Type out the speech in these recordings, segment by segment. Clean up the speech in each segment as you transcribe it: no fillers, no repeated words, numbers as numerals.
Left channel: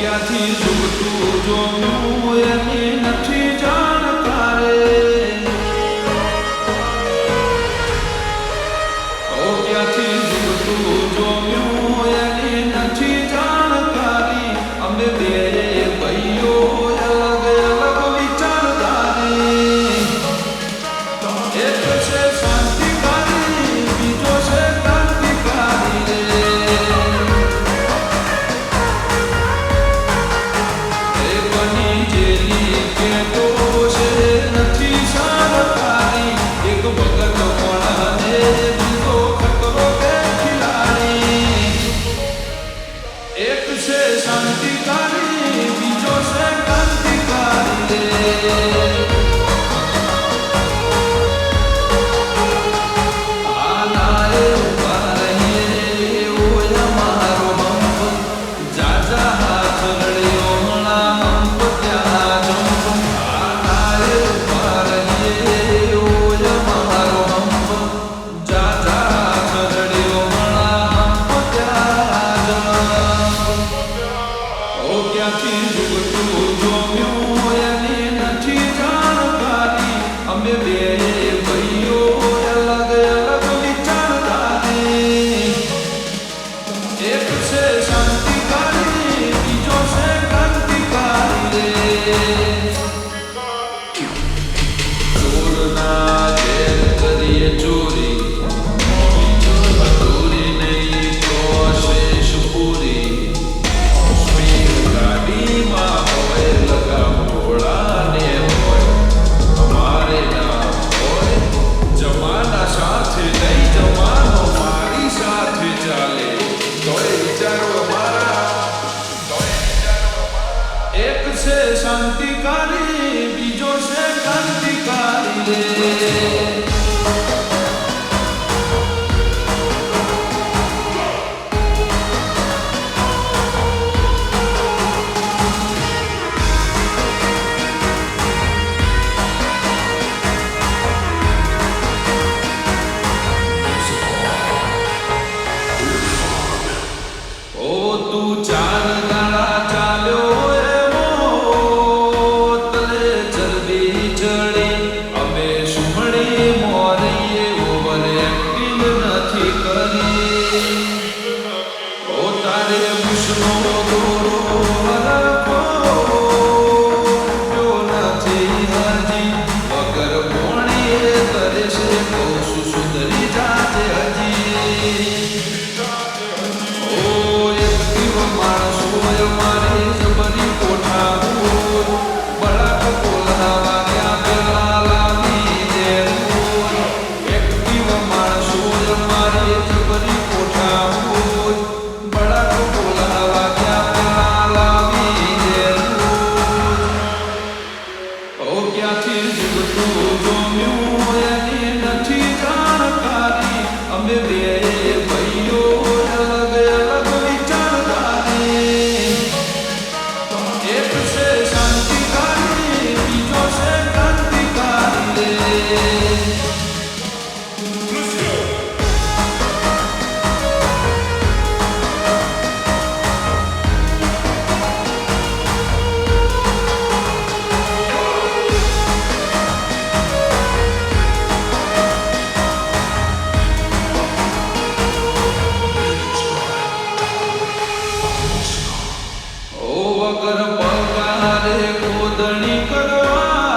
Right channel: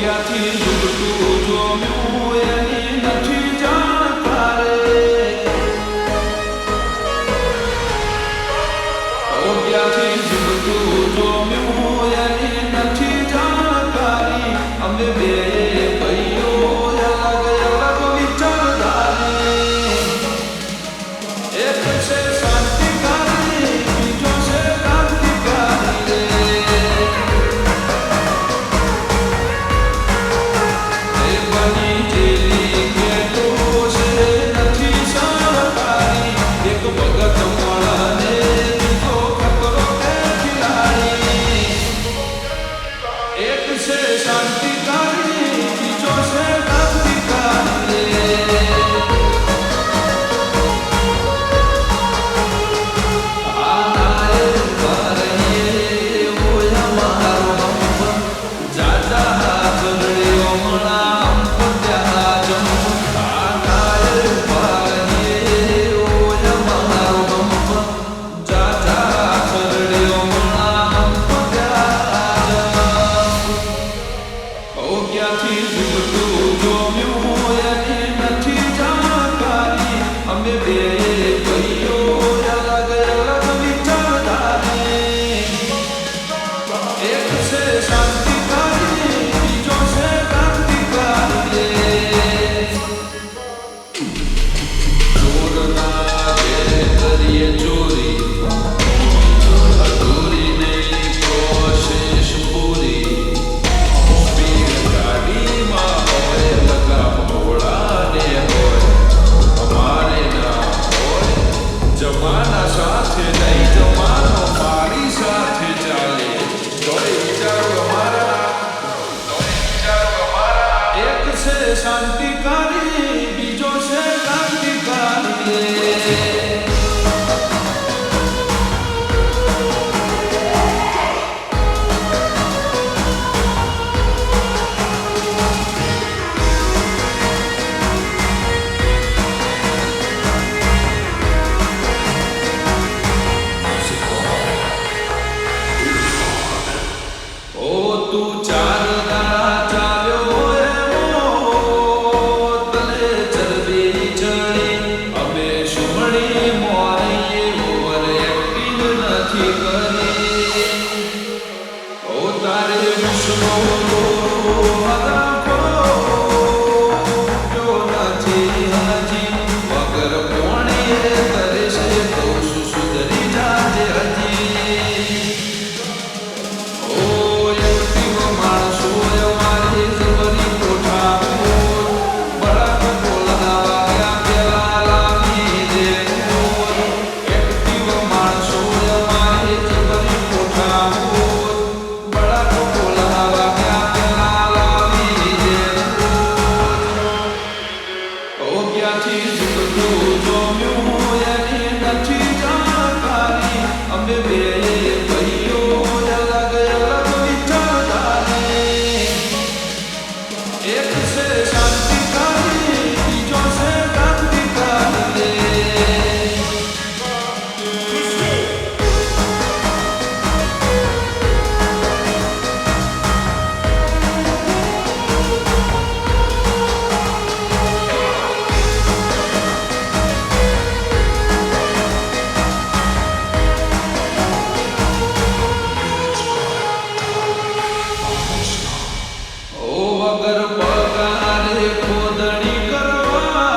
ક્યાંથી ઝૂકટું જોમ્યું એની નથી જાણકારે. ક્યાંથી ઝૂકટું જોમ્યું એની નથી જાણકારી. અમે બે ભાઈઓ અલગ અલગ વિચારધારી. એક છે શાંતિકારી, બીજો છે ક્રાંતિકારી રે. એ બની જેલી કે તો છે નથી સરકારી. એક ભગત મળને બીજો ખતરો કે ખિલાડી. એક છે શાંતિકારી, બીજો છે ક્રાંતિકારી રે. ક્યાંથી ઝૂકટું જોમ્યું એની નથી જાણકારી. અમે બે ભાઈઓ અલગ અલગ વિચારધારી. એક છે શાંતિકારી, બીજો છે ક્રાંતિકારી રે. ચોરના ઘેર કરીએ ચોરી, અધૂરી નહીં પ્રોસેસ પૂરી. ગાડીમાં હોય લગામ ઘોડાને હોય, અમારે ના હોય. જમાના સાથે નહીં, જમાનો મારી સાથે ચાલે. તોય વિચારો અમારા. એક છે શાંતિકારી, બીજો છે ક્રાંતિકારી રે. તું ચાર દાડા ચાલ્યો એમો તલે ચરબી ચડી. અમે સુમણી મોરીએ ઓવર એક્ટિંગ નથી કરી. ઓ તારે મુસનો દોરો હરખો જો નથી હજી. વગર મોણીએ તરે છે કહું છું સુધરી જાજે હજી. માણસો અમારી જબરી કોઠા હોય, બળક બોલાવા ગયા પેલા લાવી દે હોય. એક્ટિવ માણસો અમારી જબરી કોઠા હોય, બળક બોલાવા ગયા પેલા લાવી દે હોય. ક્યાંથી ઝૂકટું જોમ્યું એની નથી જાણકારી. અમે બે ભાઈઓ અલગ અલગ વિચારધારી. એક છે શાંતિકારી, બીજો છે ક્રાંતિકારી રે. વગર પગારે ખોદણી કરવા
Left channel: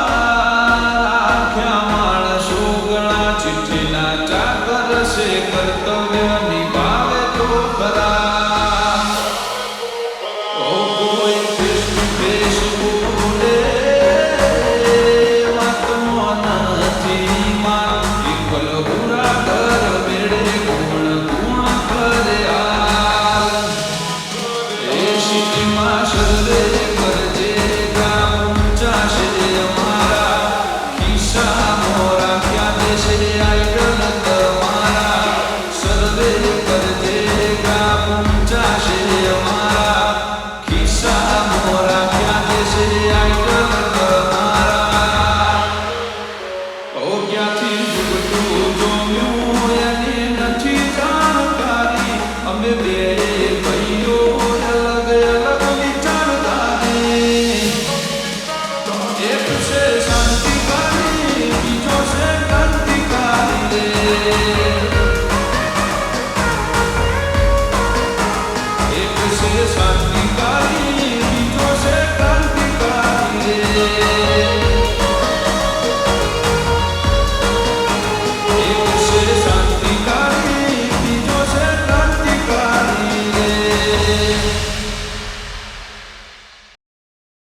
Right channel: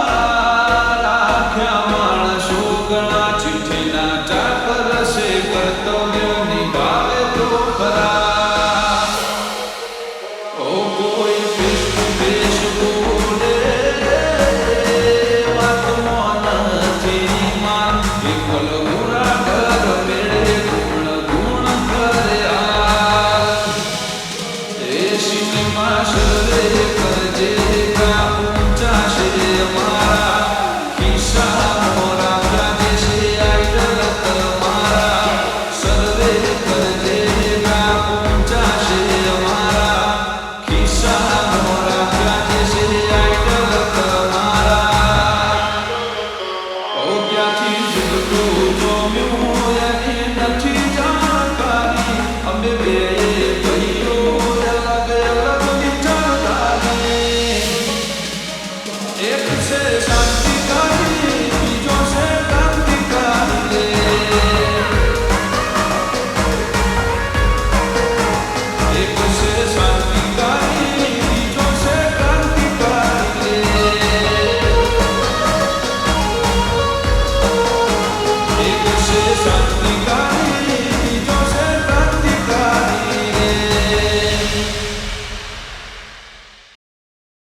રાખ્યા માણસો ઘણા. ચિઠ્ઠીના ચાકર છે, કર્તવ્ય નિભાવે તો ખરા. કોઈ ફેસ ટુ ફેસ બોલે વાતમાં નથી માર. એકલ હુરા ઘર મેળે ગુણ ગુણ કરે હાલ. એ સિટીમાં સર્વે કરજે કા પૂંચાશે અમારા. ખિસ્સા મોરા ક્યાં દેશે આઈડલ તમારા. સર્વે કરજે કા પૂંચાશે અમારા. ખિસ્સા મોરા ક્યાં દેશે આઈડલ તમારા. ક્યાંથી ઝૂકટું જોમ્યું એની નથી જાણકારી. અમે બે ભાઈઓ અલગ અલગ વિચાર દિવસે શાંતિ કાળી